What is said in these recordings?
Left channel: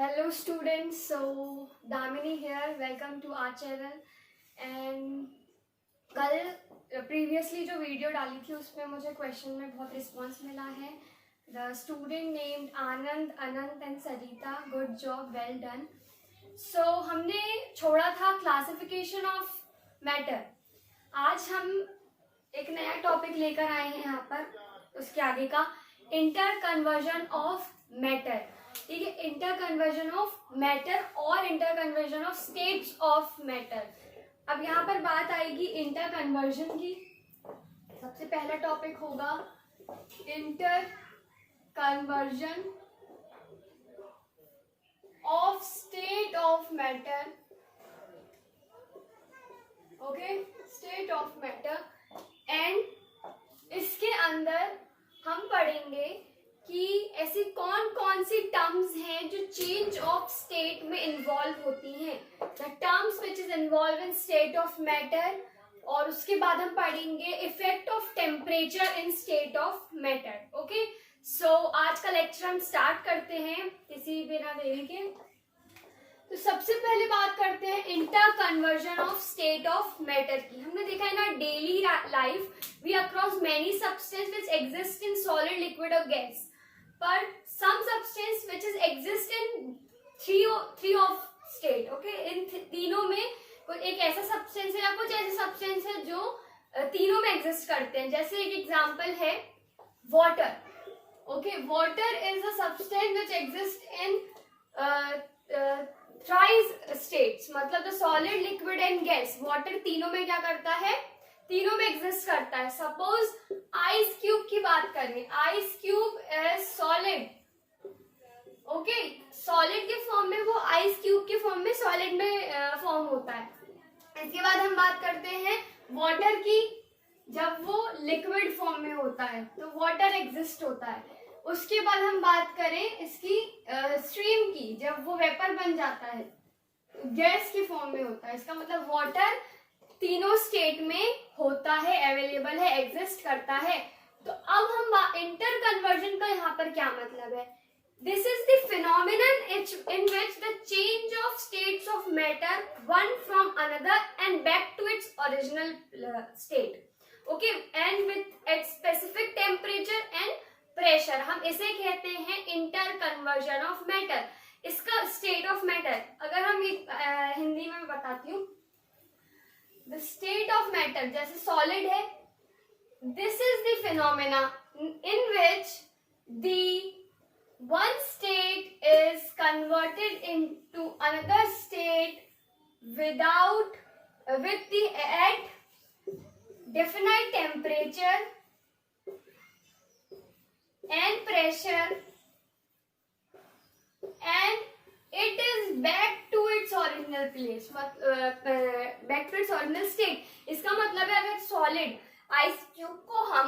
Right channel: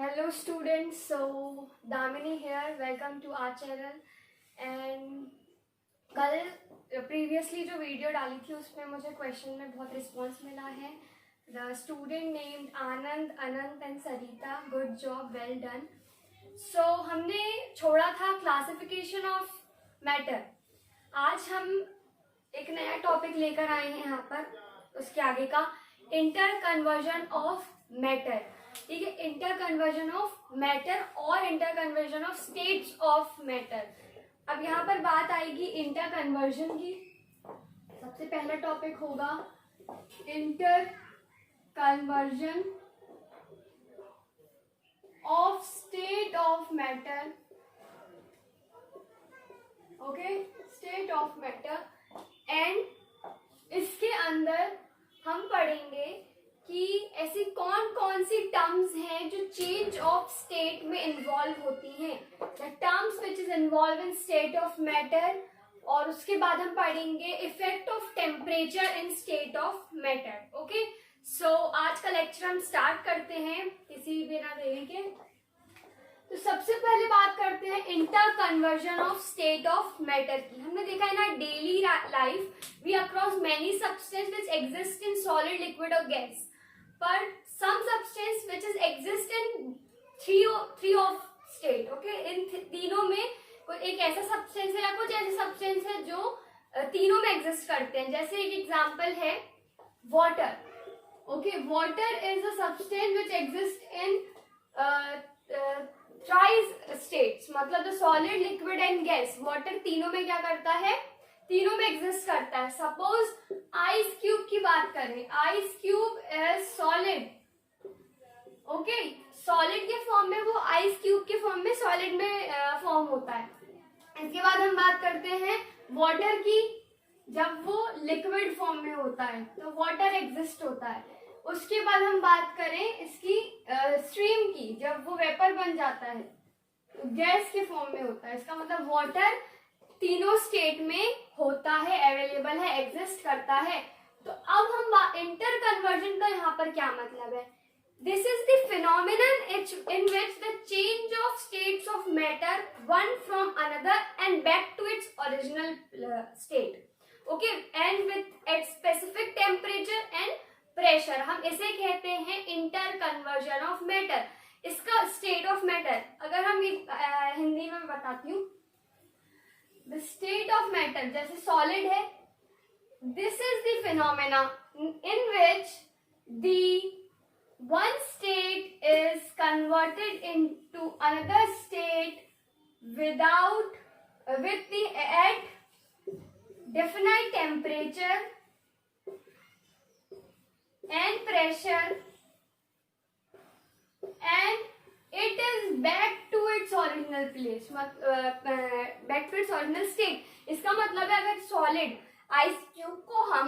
Hello students, so Damini here, welcome to our channel and कल previously जो video डाली थी उसमें मुझे क्वेश्चन में बहुत रिस्पांस मिला है. The student named Anand, Anant and Sarita, good job, well done. So हमने छोड़ा था क्लासिफिकेशन ऑफ मैटर. आज हम एक नया टॉपिक लेकर आए हैं यहाँ पर, उसके आगे का इंटर कन्वर्जन ऑफ मैटर. ठीक है, इंटर कन्वर्जन ऑफ मैटर और inter conversion of states of matter. अब यहाँ पर बात आएगी इंटर कन्वर्जन की. सबसे पहला टॉपिक होगा inter conversion of state of matter. Okay, state of matter. And इसके अंदर हम पढ़ेंगे कि ऐसी कौन कौन सी टर्म्स हैं जो चेंज ऑफ स्टेट में इन्वॉल्व होती हैं, the terms which is involve in state of matter. और उसके बाद हम पढ़ेंगे effect of temperature in state of matter. Okay, so आज का लेक्चर हम स्टार्ट करते हैं किसी बिना देरी के. तो सबसे पहले बात करते हैं inter conversion of state of matter की. हमने देखा है ना, daily life we across many substance which exist in solid, liquid और गैस. पर some substance which is exist in three of state. Okay, इन तीनों में कोई एक ऐसा सब्सटेंस है या कुछ ऐसे सब्सटेंस है जो तीनों में एग्जिस्ट करते हैं. जैसे एक एग्जांपल है water. Okay, water is a substance which exist in thrice states, मतलब the solid, liquid and gas. Water तीनों में क्या करता है, तीनों में एग्जिस्ट करता है. सपोज आइस क्यूब की बात करें, ice cube is solid. Okay, solid के फॉर्म में, वो आइस क्यूब के फॉर्म में, सॉलिड में फॉर्म होता है. इसके बाद हम बात करते हैं वाटर की. जब वो लिक्विड फॉर्म में होता है तो वाटर एग्जिस्ट होता है. उसके बाद हम बात करें इसकी स्ट्रीम की, जब वो वेपर बन जाता है तो गैस के फॉर्म में होता है. इसका मतलब वाटर तीनों स्टेट में होता है, अवेलेबल है, एग्जिस्ट करता है. तो अब हम इंटर कन्वर्जन का यहाँ पर क्या मतलब है. This is the phenomenon in which the change of states of matter one from another and back to its original state. Okay, and with at specific temperature and pressure. हम इसे कहते हैं इंटर कन्वर्जन ऑफ मैटर. इसका state of matter अगर हम हिंदी में बताती हूँ, द स्टेट ऑफ मैटर जैसे सॉलिड है, this is the phenomena in which the one state is converted into another state with the at definite temperature and pressure, and it is back to its original place, back to its original state. इसका मतलब है अगर solid ice cube को हम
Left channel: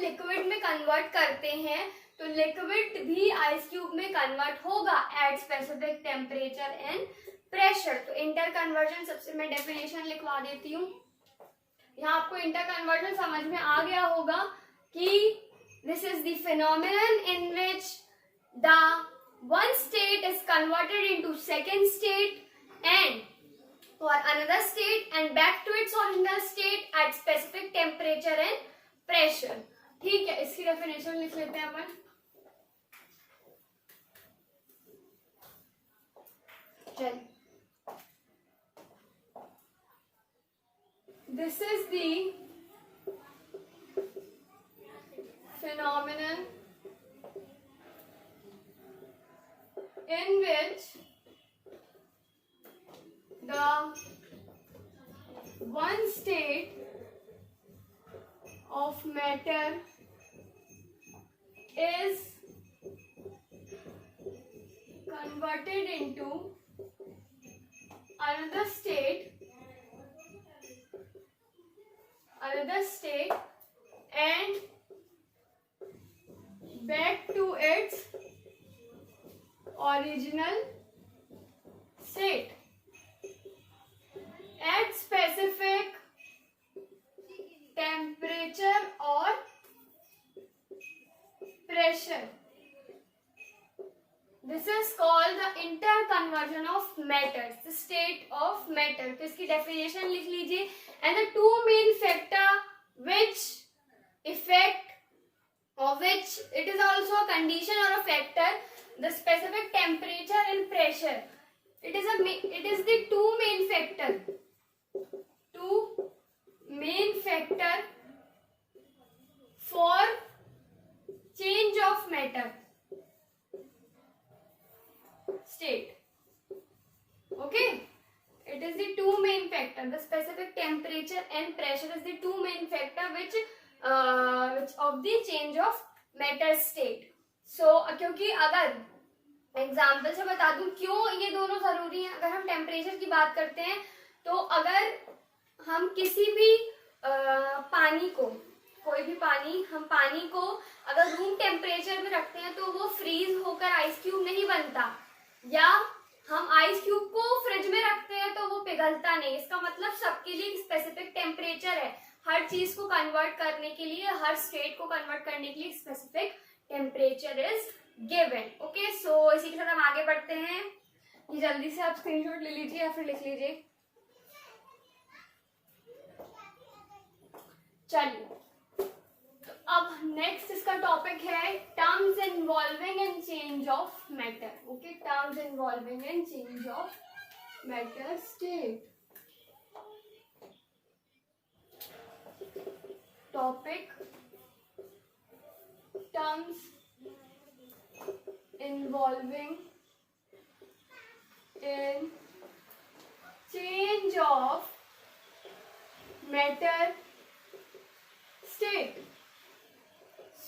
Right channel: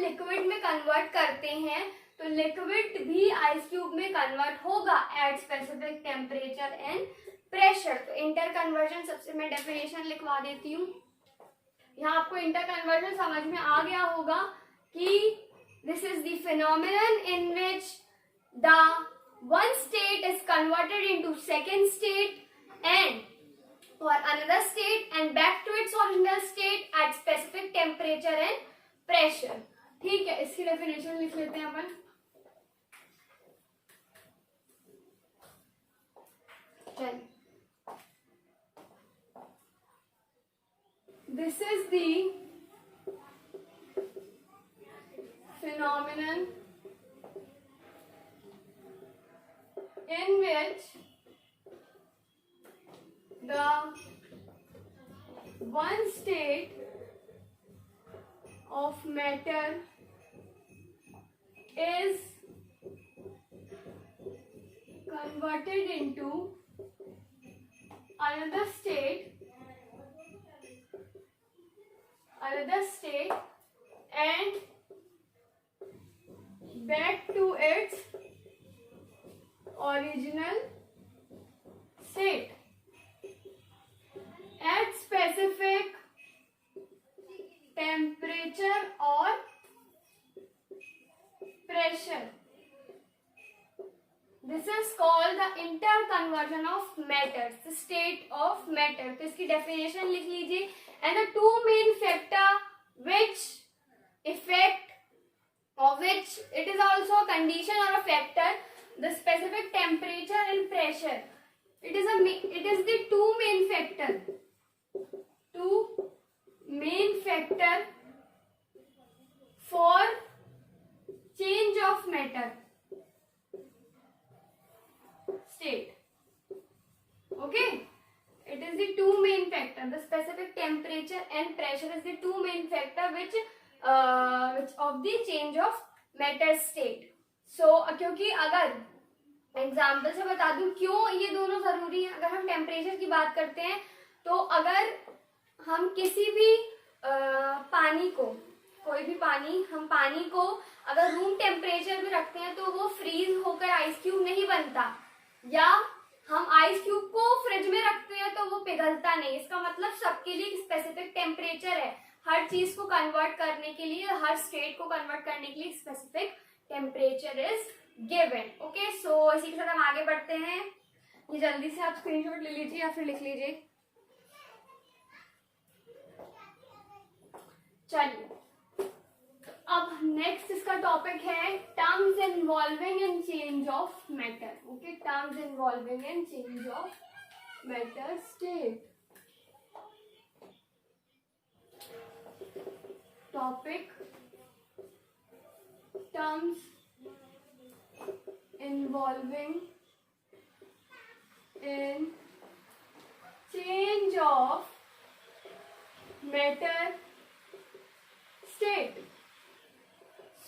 liquid में convert करते हैं तो लिक्विड भी आइस क्यूब में कन्वर्ट होगा eight specific temperature and pressure. तो इंटर कन्वर्जन सबसे मैं डेफिनेशन लिखवा देती हूँ. यहाँ आपको इंटर कन्वर्जन समझ में आ गया होगा कि this is the phenomenon in which the one state is converted into second state and or another state and back to its original state at specific temperature and pressure. ठीक है, इसकी definition लिख लेते हैं अपन. चल, this is the phenomenon in which the one state of matter is converted into another state and back to its original state at specific temperature or pressure. Conversion of matter, state of matter. तो इसकी definition लिख लीजिए। And the two main factor which effect of which it is also a condition or a factor, the specific temperature and pressure. It is the two main factor for change of matter state. Okay, it is the two main factor, the specific temperature and pressure is the two main factor which of the change of matter state. So क्योंकि अगर example से बता दूं क्यों ये दोनों जरूरी है। अगर हम टेम्परेचर की बात करते हैं तो अगर हम किसी भी पानी को, कोई भी पानी, हम पानी को अगर रूम टेम्परेचर में रखते हैं तो वो फ्रीज होकर आइस क्यूब नहीं बनता, या हम आइस क्यूब को फ्रिज में रखते हैं तो वो पिघलता नहीं। इसका मतलब सबके लिए स्पेसिफिक टेम्परेचर है। हर चीज को कन्वर्ट करने के लिए, हर स्टेट को कन्वर्ट करने के लिए specific temperature is given. Okay, so इसी के साथ हम आगे बढ़ते हैं। ये जल्दी से आप स्क्रीनशॉट ले लीजिए या फिर लिख लीजिए। चलिए, तो अब नेक्स्ट इसका टॉपिक है terms involving and change of matter. Okay, terms involving and change of matter state. Topic terms involving in change of matter state।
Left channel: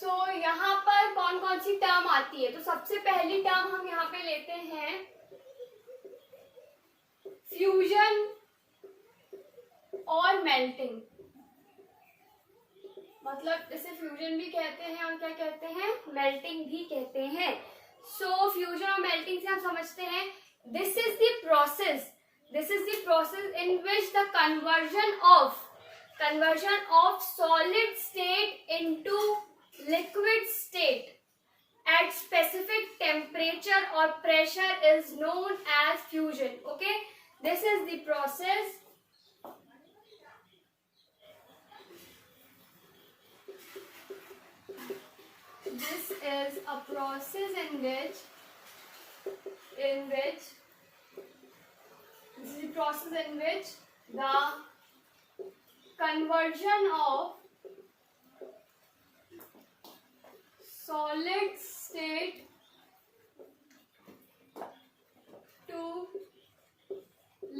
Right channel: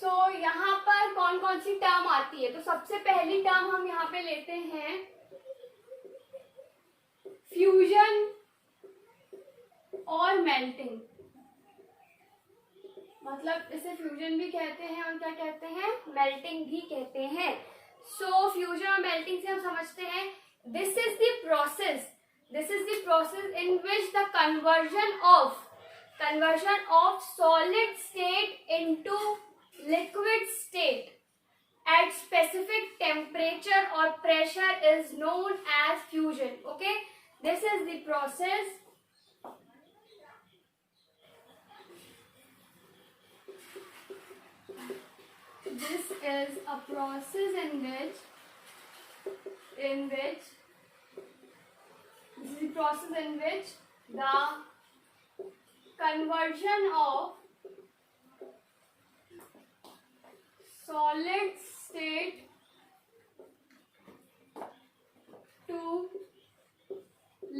so यहाँ पर कौन कौन सी टर्म आती है? तो सबसे पहली टर्म हम यहाँ पे लेते हैं फ्यूजन और मेल्टिंग। मतलब इसे फ्यूजन भी कहते हैं और क्या कहते हैं, मेल्टिंग भी कहते हैं। सो फ्यूजन और मेल्टिंग से हम समझते हैं this is the process in which the conversion of solid state into liquid state at specific temperature और pressure is known as fusion. Okay, this is the process this is a process in which the conversion of solid state to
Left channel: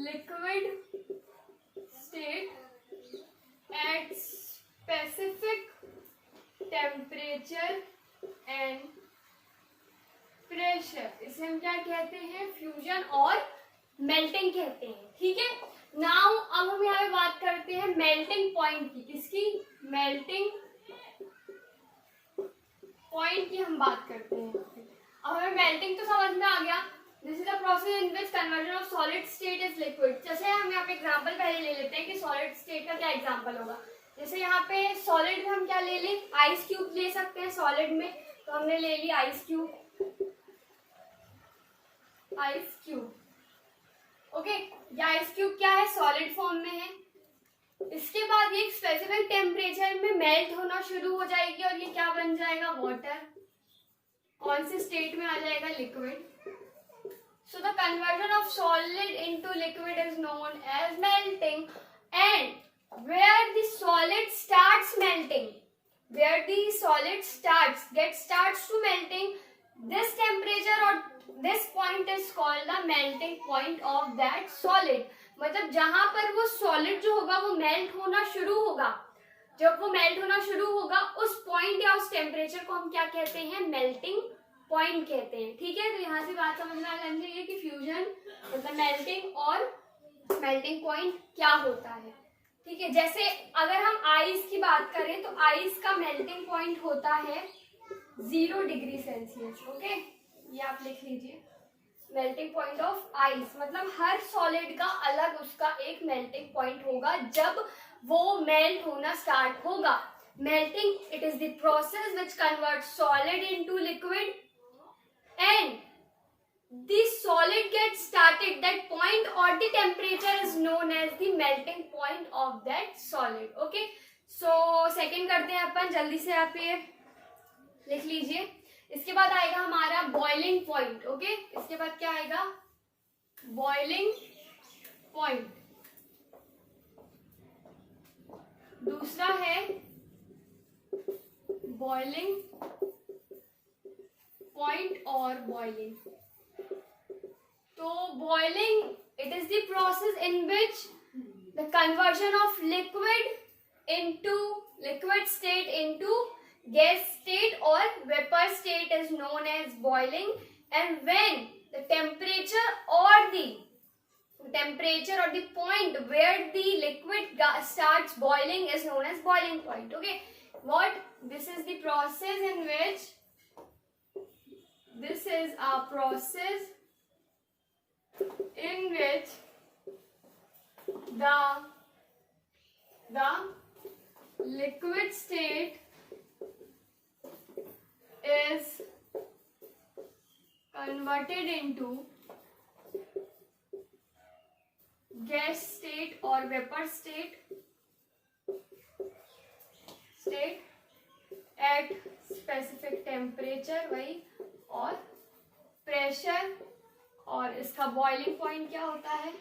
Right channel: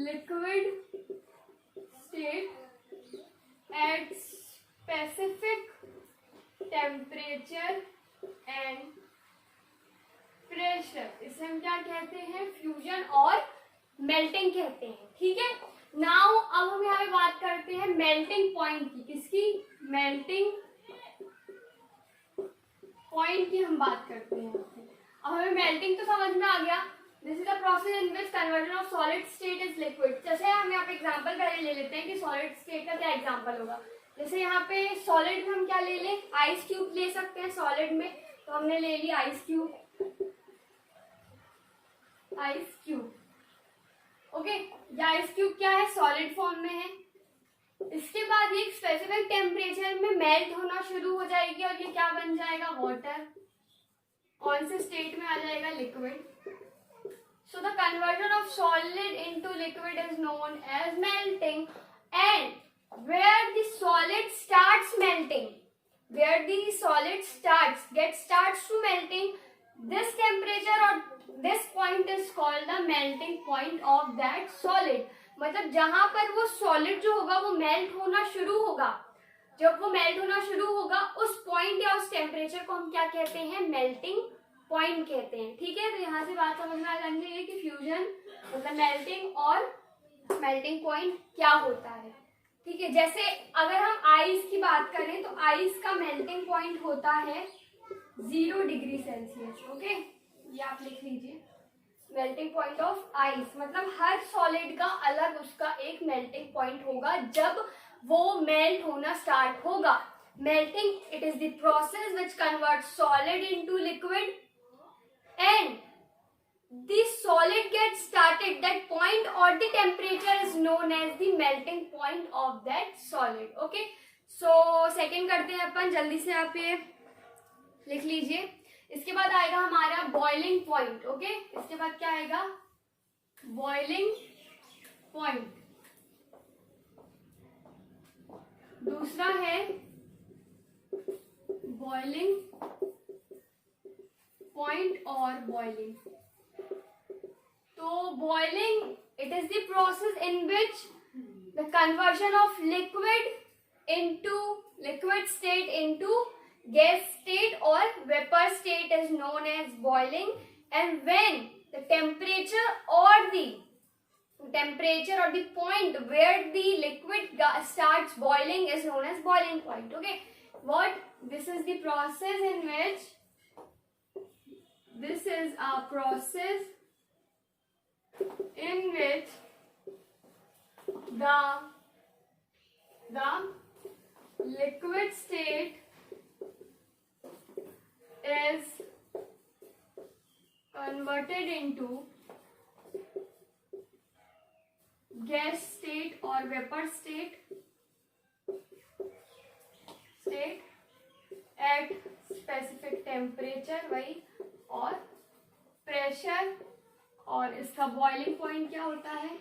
liquid state at specific temperature and pressure, इसे हम क्या कहते हैं, fusion और melting कहते हैं। ठीक है, नाउ अब हम यहाँ पे बात करते हैं मेल्टिंग पॉइंट की। किसकी? मेल्टिंग पॉइंट की हम बात करते हैं। अब हमें मेल्टिंग तो समझ में आ गया। This is the process in which conversion of solid state is liquid. जैसे हम यहाँ पे एग्जांपल पहले ले लेते हैं कि सॉलिड स्टेट का क्या एग्जांपल होगा। जैसे यहाँ पे सॉलिड में हम क्या ले लें, आइस क्यूब ले सकते हैं सॉलिड में। तो हमने ले ली आइस क्यूब। ओके, ये आइस क्यूब क्या है, सॉलिड फॉर्म में है। इसके बाद ये स्पेसिफिक टेम्परेचर में मेल्ट होना शुरू हो जाएगी और ये क्या बन जाएगा, वाटर। कौन से स्टेट में आ जाएगा, liquid. So the conversion of solid into liquid is known as melting. And where the solid starts melting, where the solid starts to melting, this temperature or this point is called the melting point of that solid। मतलब जहां पर वो solid जो होगा वो melt होना शुरू होगा, जब वो मेल्ट होना शुरू होगा उस पॉइंट या उस टेम्परेचर को हम क्या कहते हैं, मेल्टिंग पॉइंट कहते हैं। ठीक है, तो यहाँ से बात समझ में आ जानी चाहिए कि फ्यूजन मतलब मेल्टिंग और मेल्टिंग पॉइंट क्या होता है। ठीक है, जैसे अगर हम आइस की बात करें तो आइस का मेल्टिंग पॉइंट होता है 0 डिग्री सेल्सियस। ओके, ये आप लिख लीजिए, मेल्टिंग पॉइंट ऑफ आइस। मतलब हर सॉलिड का अलग उसका एक मेल्टिंग पॉइंट होगा जब वो मेल्ट होना स्टार्ट होगा। Melting, it is the process which convert solid into liquid and the solid gets started, that point or the temperature is known as the melting point of that solid. Okay, so second करते हैं अपन जल्दी से, आप ये लिख लीजिए. इसके बाद आएगा हमारा बॉइलिंग पॉइंट. ओके, इसके बाद क्या आएगा? Boiling point. दूसरा है बॉइलिंग पॉइंट और बॉइलिंग. तो boiling, it is the process in which the conversion of liquid state into gas state or vapor state is known as boiling, and when the temperature or the point where the liquid starts boiling is known as boiling point. Okay, this is the process in which, this is a process in which the liquid state is converted into gas state or vapor state at specific temperature, वही, और pressure, और इसका boiling point क्या होता है?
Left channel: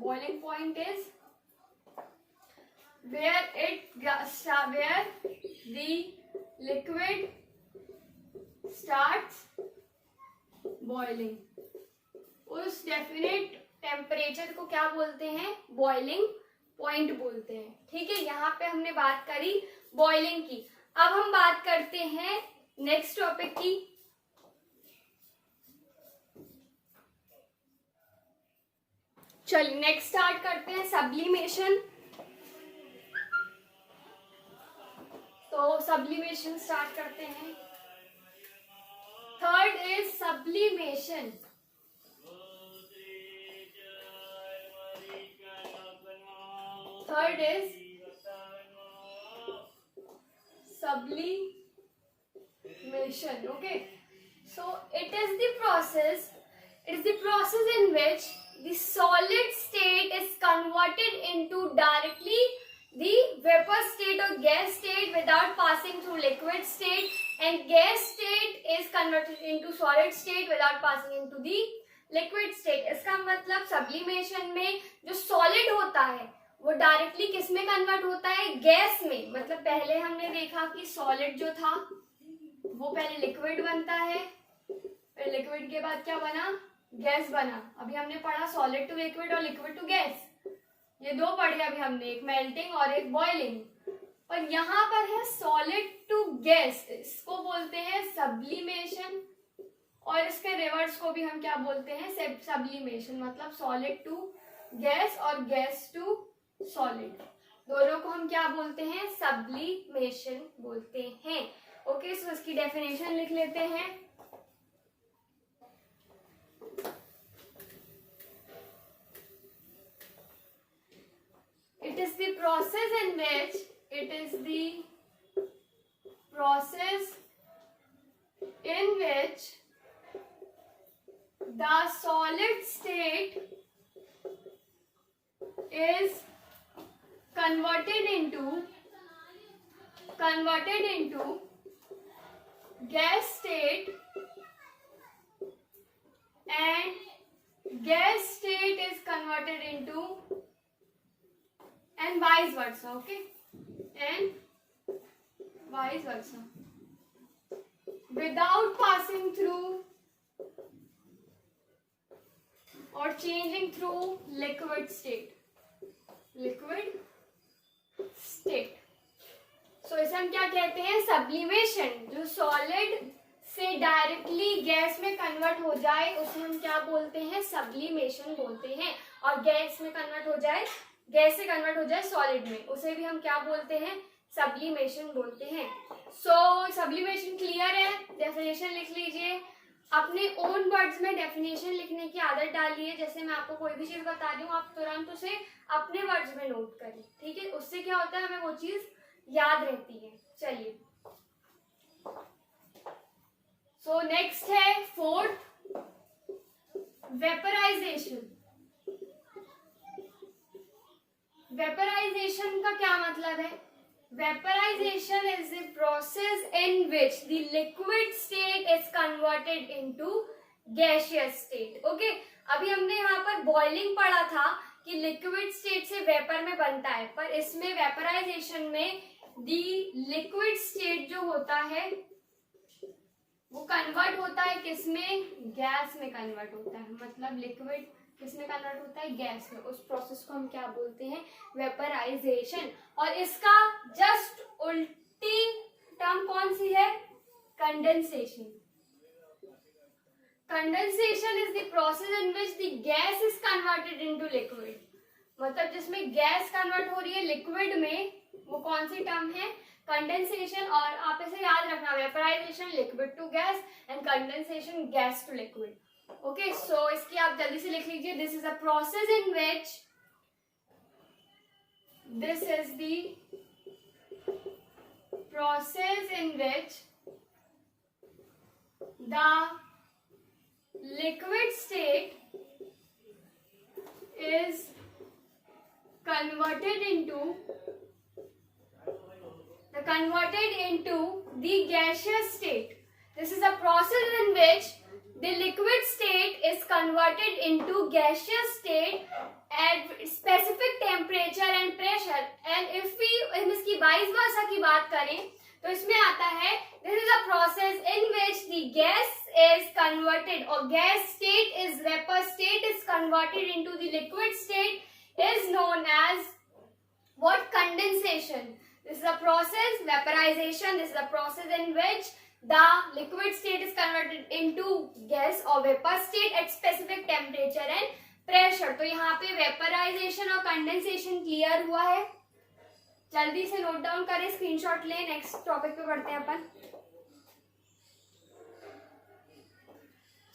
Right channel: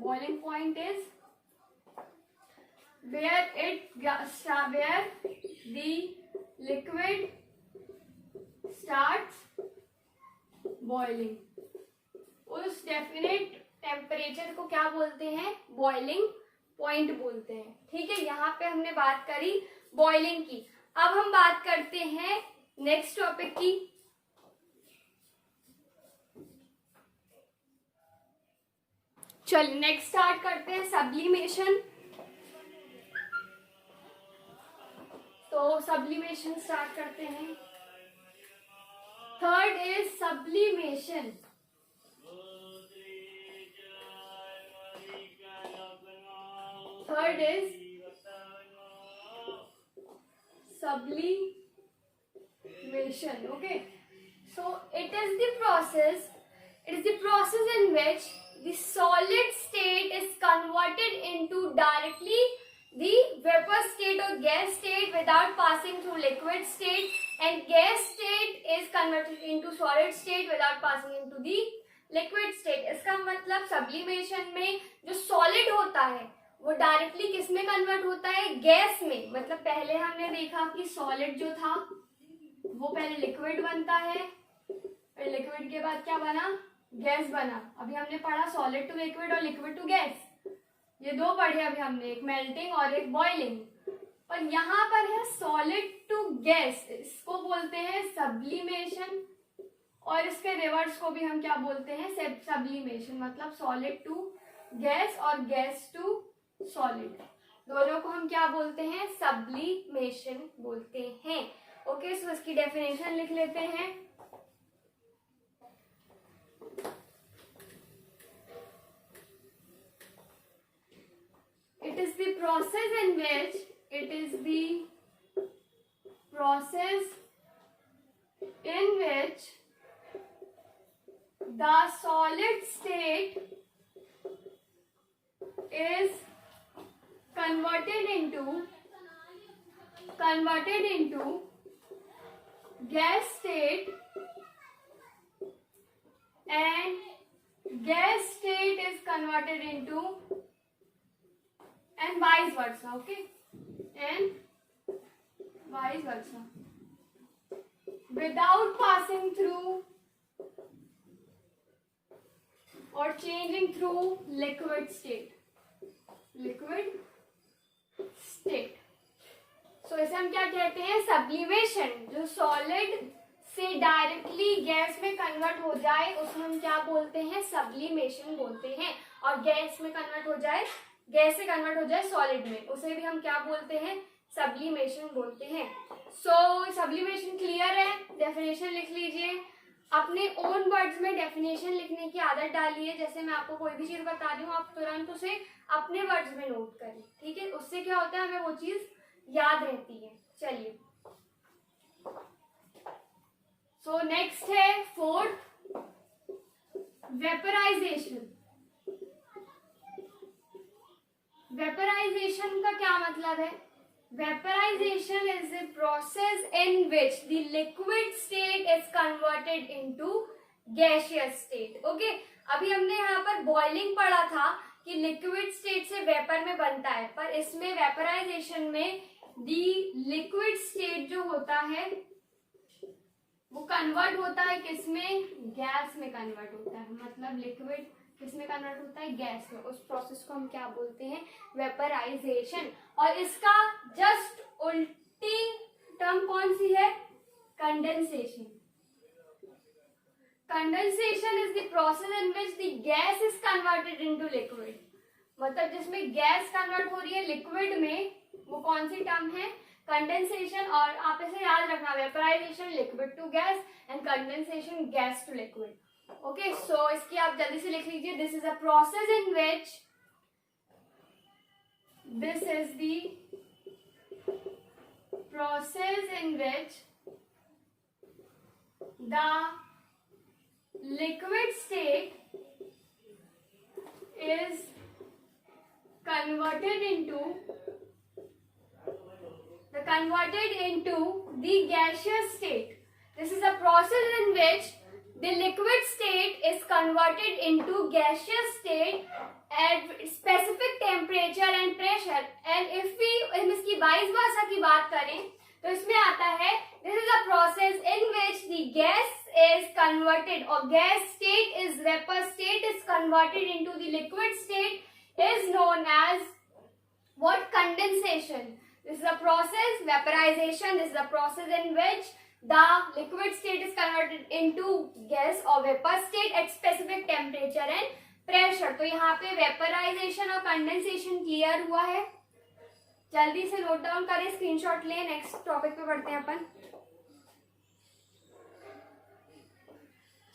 Boiling point is where the liquid starts boiling. उस definite temperature को क्या बोलते हैं? बॉइलिंग पॉइंट बोलते हैं. ठीक है, यहाँ पे हमने बात करी बॉइलिंग की. अब हम बात करते हैं नेक्स्ट टॉपिक की. चलिए नेक्स्ट स्टार्ट करते हैं सब्लिमेशन. तो सब्लिमेशन स्टार्ट करते हैं. Third is sublimation. Third is sublimation. Okay, so it is the process in which the solid state is converted into directly the vapor state or gas state without passing through liquid state, and gas state is converted into solid state without passing into the liquid state. इसका मतलब sublimation में जो solid होता है वो directly किस में convert होता है? गैस में. मतलब पहले हमने देखा कि सॉलिड जो था वो पहले लिक्विड बनता है, फिर लिक्विड के बाद क्या बना? गैस बना. अभी हमने पढ़ा सॉलिड टू लिक्विड और लिक्विड टू गैस, ये दो पढ़े अभी हमने, एक मेल्टिंग और एक बॉइलिंग. और यहाँ पर है सॉलिड टू गैस, इसको बोलते हैं सब्लिमेशन, और इसके रिवर्स को भी हम क्या बोलते हैं? सब्लिमेशन. मतलब सॉलिड टू गैस और गैस टू सॉलिड, दोनों को हम क्या बोलते हैं? सब्लिमेशन बोलते हैं. ओके, सो इसकी डेफिनेशन लिख लेते हैं. It is the process in which the solid state is converted into gas state, and gas state is converted into, and vice versa. Okay, and vice versa, without passing through or changing through liquid state. So इसे हम क्या कहते हैं? Sublimation. जो solid से directly gas में convert हो जाए उसे हम क्या बोलते हैं? सब्लिमेशन बोलते हैं. और गैस से कन्वर्ट हो जाए सॉलिड में, उसे भी हम क्या बोलते हैं? सब्लिमेशन बोलते हैं. सो सब्लिमेशन क्लियर है? डेफिनेशन लिख लीजिए. अपने ओन वर्ड्स में डेफिनेशन लिखने की आदत डालिए. जैसे मैं आपको कोई भी चीज बता रही हूँ, आप तुरंत उसे अपने वर्ड्स में नोट करिए. ठीक है, उससे क्या होता है? हमें वो चीज याद रहती है. चलिए, सो नेक्स्ट है फोर्थ, वेपराइजेशन। वेपराइजेशन का क्या मतलब है? Vaporization is the process in which the liquid state is converted into gaseous state. Okay, अभी हमने यहाँ पर बॉइलिंग पढ़ा था कि लिक्विड स्टेट से वेपर में बनता है, पर इसमें वेपराइजेशन में दी लिक्विड स्टेट जो होता है वो कन्वर्ट होता है किसमें? गैस में कन्वर्ट होता है। मतलब लिक्विड किसमें कन्वर्ट होता है? गैस में। उस प्रोसेस को हम क्या बोलते हैं? वेपराइजेशन। और इसका जस्ट उल्टी टर्म कौन सी है? Condensation. Condensation is the process in which the gas is converted into liquid. मतलब जिसमें गैस कन्वर्ट हो रही है लिक्विड में, वो कौन सी टर्म है? कंडेंसेशन। और आप इसे याद रखना, vaporisation liquid to gas and condensation gas to liquid. Okay, so इसकी आप जल्दी से लिख लीजिए। This is a process in which, this is the process in which the liquid state is converted into the gaseous state. This is a process in which the liquid state is converted into gaseous state at specific temperature and pressure. And if हम इसकी vice versa की बात करें तो इसमें आता है, this is a process in which the gas is converted or gas state is vapor state is converted into the liquid state is known as what? Condensation. This is a process, vaporization. This is a process in which the liquid state is converted into gas or vapor state at specific temperature and pressure. तो यहाँ पे vaporization और condensation clear हुआ है। जल्दी से note down करें, screenshot लें, नेक्स्ट टॉपिक पे बढ़ते हैं अपन।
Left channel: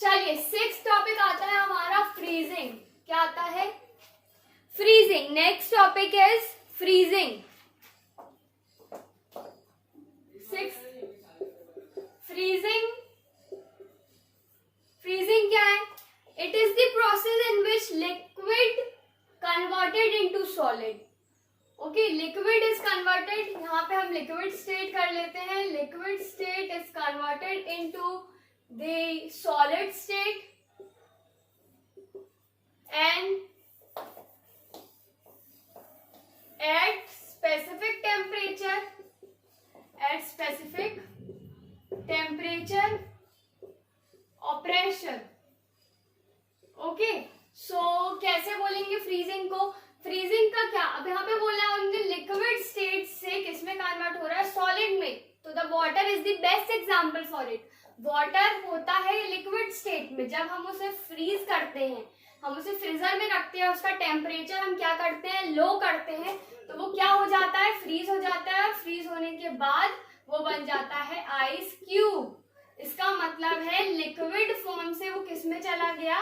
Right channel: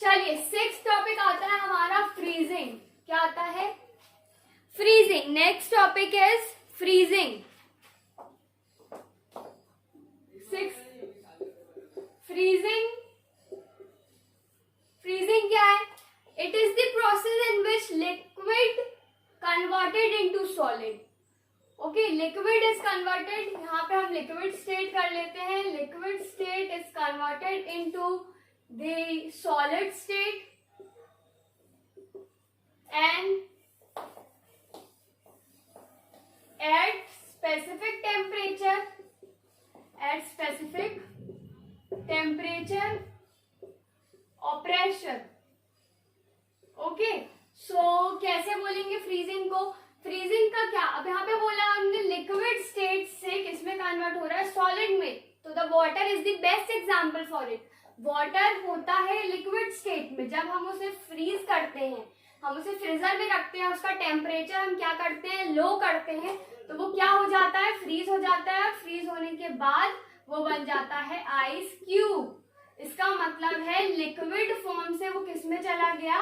चलिए, सिक्स्थ टॉपिक आता है हमारा फ्रीजिंग। क्या आता है? Freezing. Next topic is freezing. Freezing, freezing क्या है? It is the process in which liquid converted into solid. Okay, liquid is converted, यहाँ पे हम लिक्विड स्टेट कर लेते हैं। Liquid state is converted into the solid state and at specific temperature or pressure. Okay, so कैसे बोलेंगे freezing को? Freezing का क्या, अब यहाँ पे बोला हमने लिक्विड स्टेट से किसमें कन्वर्ट हो रहा है? सॉलिड में। तो the water is the best example for it. Water होता है लिक्विड स्टेट में, जब हम उसे फ्रीज करते हैं, हम उसे फ्रीजर में रखते हैं, उसका टेम्परेचर हम क्या करते हैं? लो करते हैं, तो वो क्या हो जाता है? फ्रीज हो जाता है। फ्रीज होने के बाद वो बन जाता है आइस क्यूब। इसका मतलब है लिक्विड फॉर्म से वो किस में चला गया?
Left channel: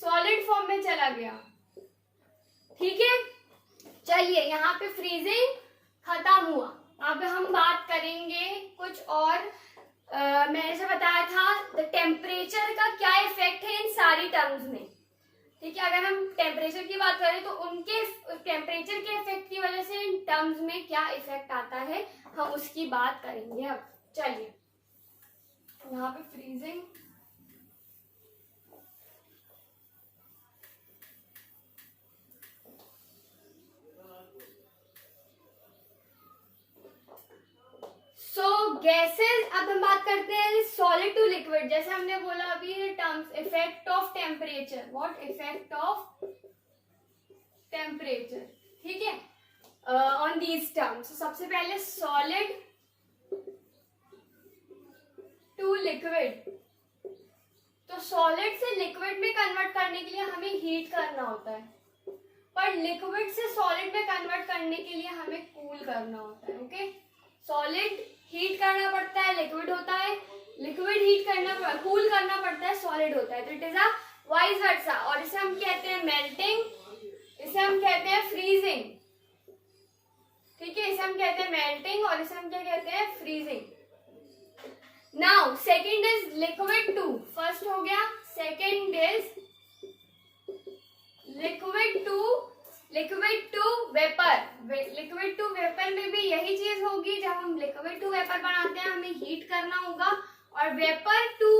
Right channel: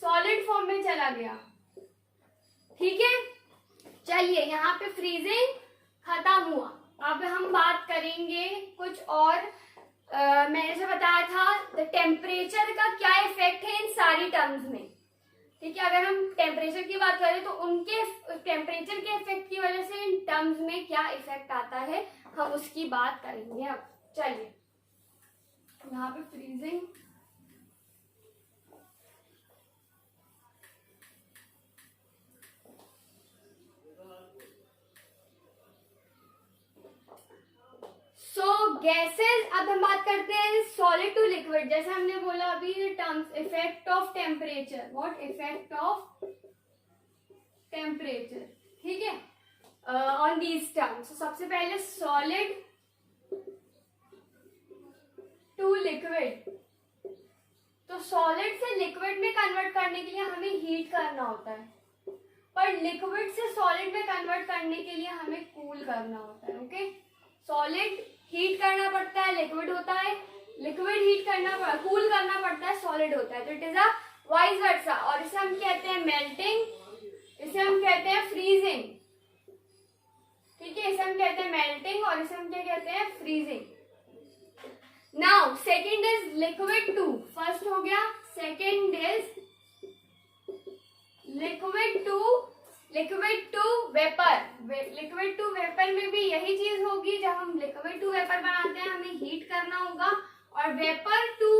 सॉलिड फॉर्म में चला गया। ठीक है, चलिए यहाँ पे फ्रीजिंग खत्म हुआ। अब हम बात करेंगे कुछ और। मैंने जो बताया था टेम्परेचर का क्या इफेक्ट है इन सारी टर्म्स में। ठीक है, अगर हम टेम्परेचर की बात करें तो उनके टेम्परेचर के इफेक्ट की वजह से इन टर्म्स में क्या इफेक्ट आता है, हम उसकी बात करेंगे। अब चलिए यहाँ पे फ्रीजिंग, सो गैसेस। अब हम बात करते हैं सॉलिड टू लिक्विड। जैसे हमने बोला अभी terms, effect of temperature. What? Effect of temperature. ठीक है, ऑन दीज टर्म्स। सबसे पहले सॉलिड टू लिक्विड। तो सॉलिड से लिक्विड में कन्वर्ट करने के लिए हमें हीट करना होता है, पर लिक्विड से सॉलिड में कन्वर्ट करने के लिए हमें कूल करना होता है। ओके, सॉलिड हीट करना पड़ता है, लिक्विड होता है। लिक्विड हीट करना, कूल करना पड़ता है, सॉलिड होता है। तो it is a vice versa. और इसे हम कहते हैं मेल्टिंग, इसे हम कहते हैं फ्रीजिंग। ठीक है, इसे हम कहते हैं मेल्टिंग और इसे हम क्या कहते हैं? Freezing. Now second is liquid to, first हो गया, second is liquid to vapour. Liquid to vapour में भी यही चीज होगी, जब हम लिक्विड टू वेपर बनाते हैं हमें हीट करना होगा, और वेपर टू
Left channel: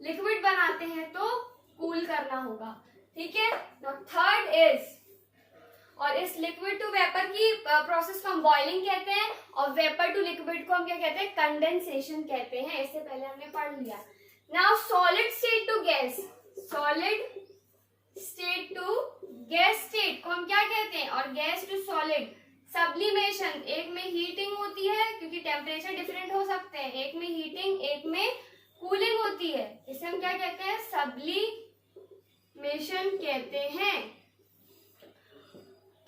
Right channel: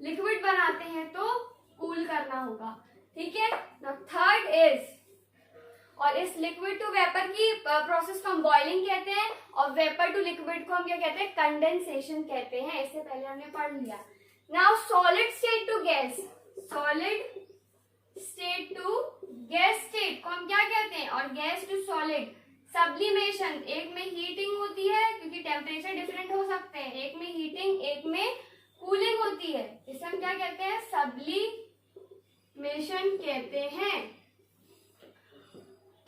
लिक्विड बनाते हैं तो कूल करना होगा, ठीक है। नाउ थर्ड इज, और इस लिक्विड टू वेपर की प्रोसेस को हम बॉइलिंग कहते हैं, और वेपर टू लिक्विड को हम क्या कहते हैं, कंडेंसेशन कहते हैं। इससे पहले हमने पढ़ लिया। Now solid state to gas, solid state to gas state को हम क्या कहते हैं, और गैस टू सॉलिड सब्लिमेशन। एक में हीटिंग होती है क्योंकि टेम्परेचर डिफरेंट हो सकते हैं, एक में हीटिंग एक में कूलिंग होती है, इसे हम क्या कहते हैं, सब्लिमेशन कहते हैं।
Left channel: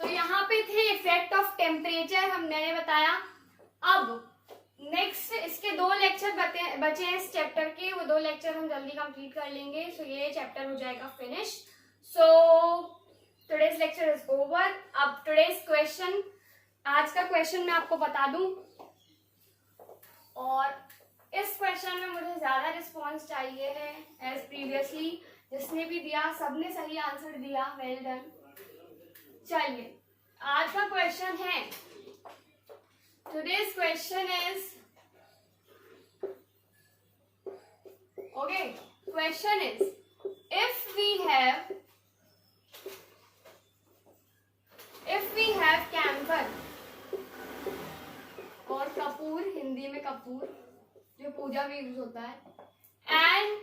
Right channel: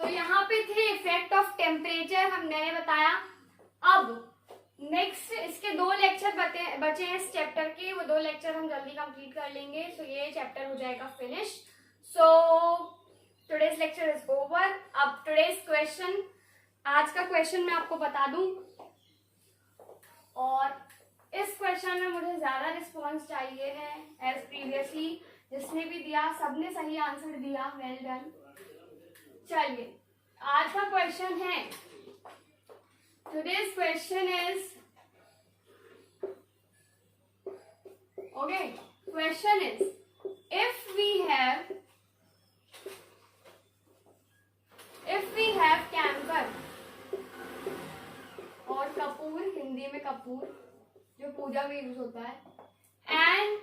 तो यहाँ पे थे इफेक्ट ऑफ टेम्परेचर, हमने बताया। अब नेक्स्ट इसके 2 लेक्चर बचे हैं इस चैप्टर के, वो 2 लेक्चर हम जल्दी कंप्लीट कर लेंगे, सो ये चैप्टर हो जाएगा finish. So today's lecture is over. अब टुडेज क्वेश्चन, आज का क्वेश्चन मैं आपको बता दूं, और इस क्वेश्चन में मुझे ज्यादा रिस्पॉन्स चाहिए है एज प्रीवियसली। जिसने भी दिया सबने सही आंसर दिया, वेल डन। चलिए आज का क्वेश्चन है, today's question is, okay, question is if we have camphor और कपूर, हिंदी में कपूर जो पूजा में यूज होता है, and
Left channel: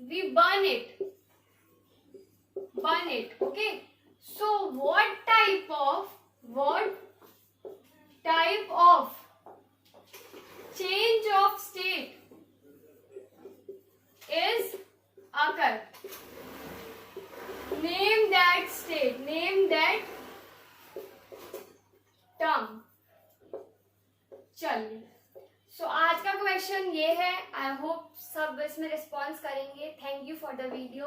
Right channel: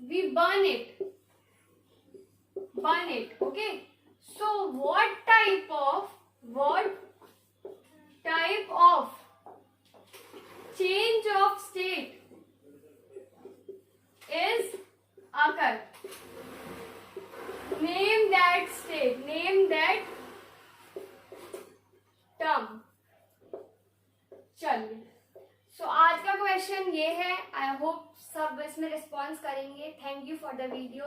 we burn it, okay, so what type of change of state is occur? Name that state, name that term. चलिए, सो आज का question ये है। आई होप सब इसमें रिस्पॉन्स करेंगे। Thank you for the video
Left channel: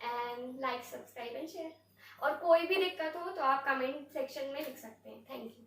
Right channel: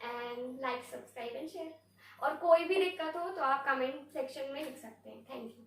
and like, subscribe and share. और कोई भी दिक्कत हो तो आप कमेंट सेक्शन में लिख सकते हैं। Thank you.